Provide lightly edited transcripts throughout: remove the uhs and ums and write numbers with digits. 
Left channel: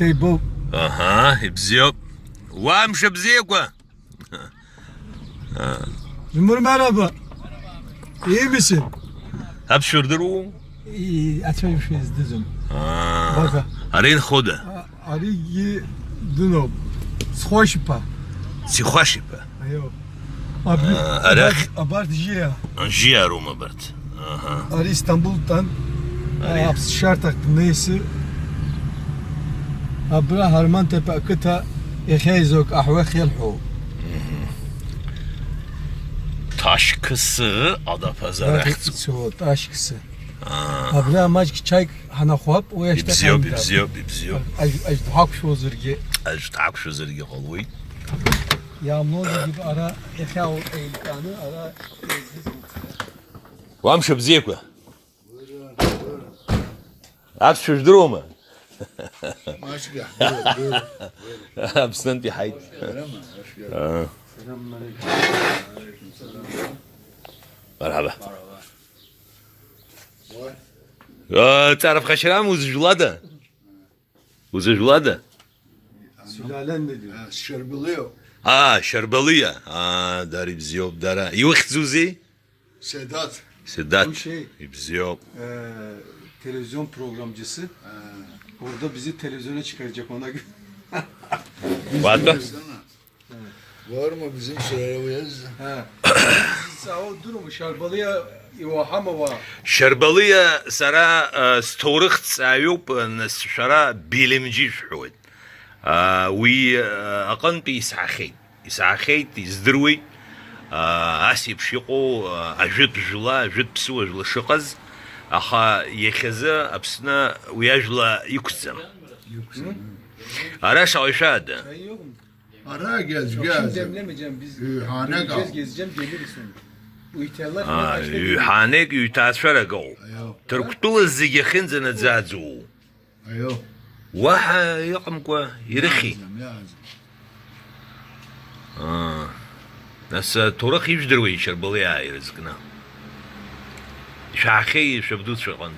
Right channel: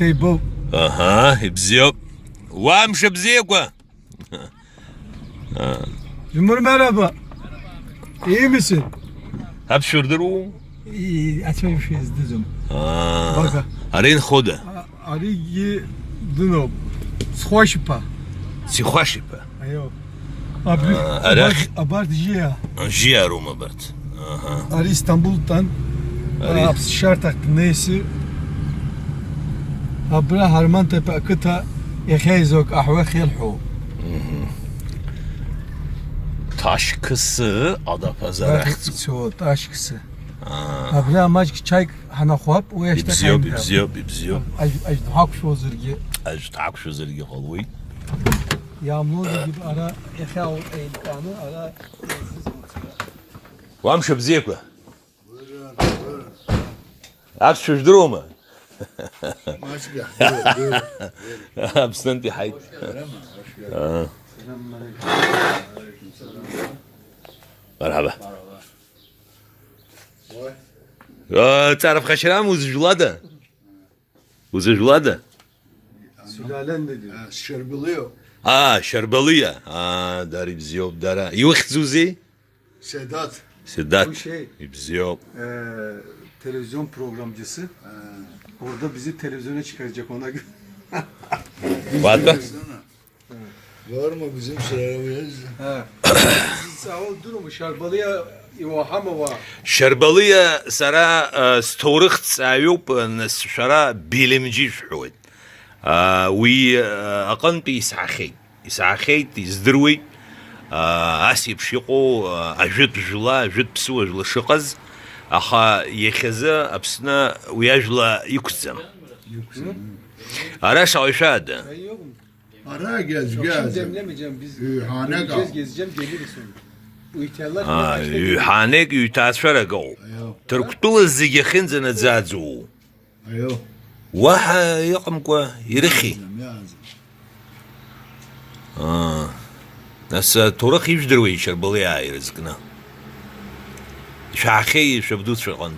Teybo. Aha, bziyo. Vamşa bziyekwa. Cumhur merhaba. İyi misin? Hep şurdur. İyi, açayım şey izledim. Baka. Arin khoda. Ari duno. Schoşpa. Si khoşipa. Ayo. Abi, Arak. abart jiya. Anjiya Roma bert. Aha. Ari İstanbul'dan hapsi şart taktı neyse. Abra Harman Tepe akıta eheyzok ahve khilhu. Taş kısı Adapazarı. Çok aşkısı. Abla maç çay hana khop o yaşta. Bibziyo. Aj hak şu zırgı. Ajtak şu zırgı qalvoy. Yağmur gibi ara ehav eylkanı ara. Vamşa bziyekwa. Hep şurdur mu? Absent hayt. Merhaba. تعرف خشرام وزجولادة Sülalen ne diyor? Şerbılıyor. شربلية داري بزيوب دارا يوخت زوزي Sedat. سدات Bu şey بزيوب televizyon programcısı. Orada bizi televizyona çıkaracak ona göre. واتبا Var mı bizim şeye uyuz? Sağ ol durumu şarbalıya ivahama var. شربلية سرا ستورخت سايوب شرا بيلمجي شحود وي أقنتي إسعاخي تزدروي أسيب شيقو أجد جلا أجد بسوى جلا شقز أخا يخزا أبسنا ويجلا يكزم أراش عيشاد Ara gez Şimdi gez. demlemeyeceğim biz. Hane Gideceğiz kal. gezeceğim geliriz sonra. Bu ihtiyarlar يحانيك يتاسفر قو تركتو الزي خنزنا زازو Ayo. واحد يقمكوا يرخي Yazım. ناس تورخ يجدروي شربلي عاي رزقنا شاخي شبدوت شغن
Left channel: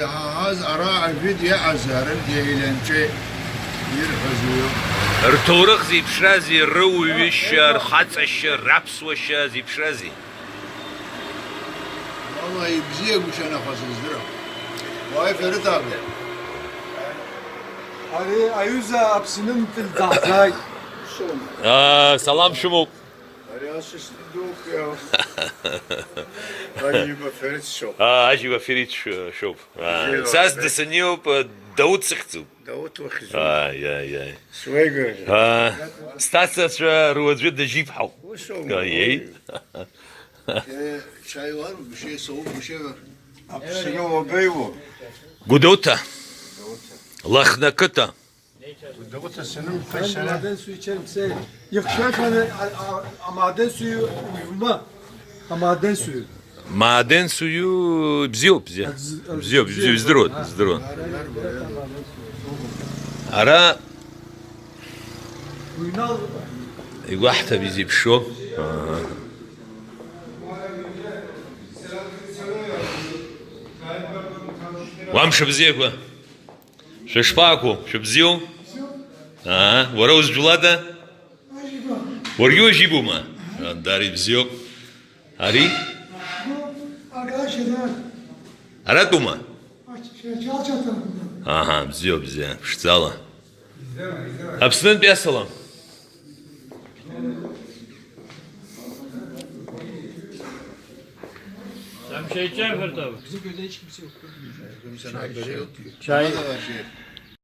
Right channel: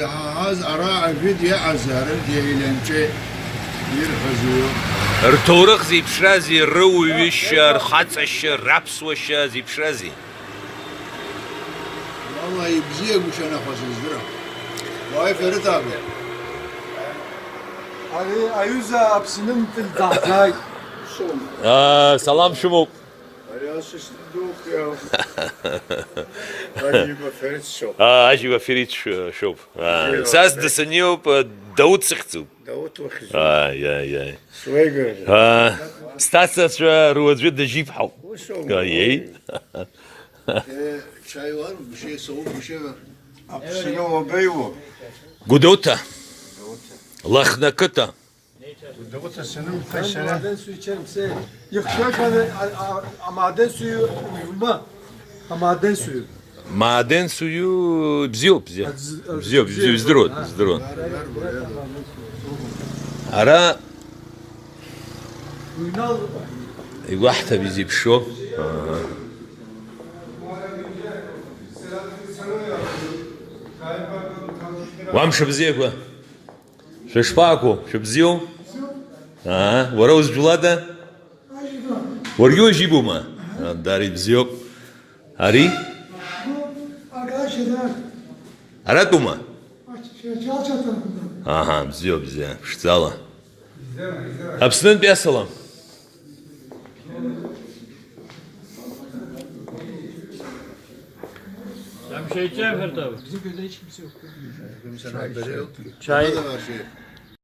Ya haz ara afid ya azarın diyelençe bir hazıyor. ارتورخ زي بشرازي الروي ويشر خاتس الشر رابس وشا زي بشرازي Vallahi bizi yakuşana fasızdır. Vay Ferit abi. Hani Ayuza apsinin fil zahtay. سلام شمو Arayasız yok ya. Hadi bu Ferit şok. اجي وفريت شوف ساس دسنيوب داود سختو Davut vakit. يا Suya görecek. ستاسس روز جد جيب حو يي Çay var mı? Bir şey soğuk bir şey var. Apsinin o beyvo. قدوتا لخنكتا Ben maden suyu içerim. Yıkışak hani maden suyu uyuma. Maden suyu. maden suyu бзио здорово ara Uynal. واحدة بيجيب شو وامشي بزيكوا شو شباكو شو بزيو وروز جلادة وريو يجيبوا ما داري بزيو هاري Arkadaşlar, أرادوا ما Çalça tarafından. Aha بزيو شتالا أبسنن بيسلام Sen bir şey içeceksin Ferit abi. Bizim köyde hiç kimse yok. Kimsenin haberi yok ki. Çay. Ne kadar şey.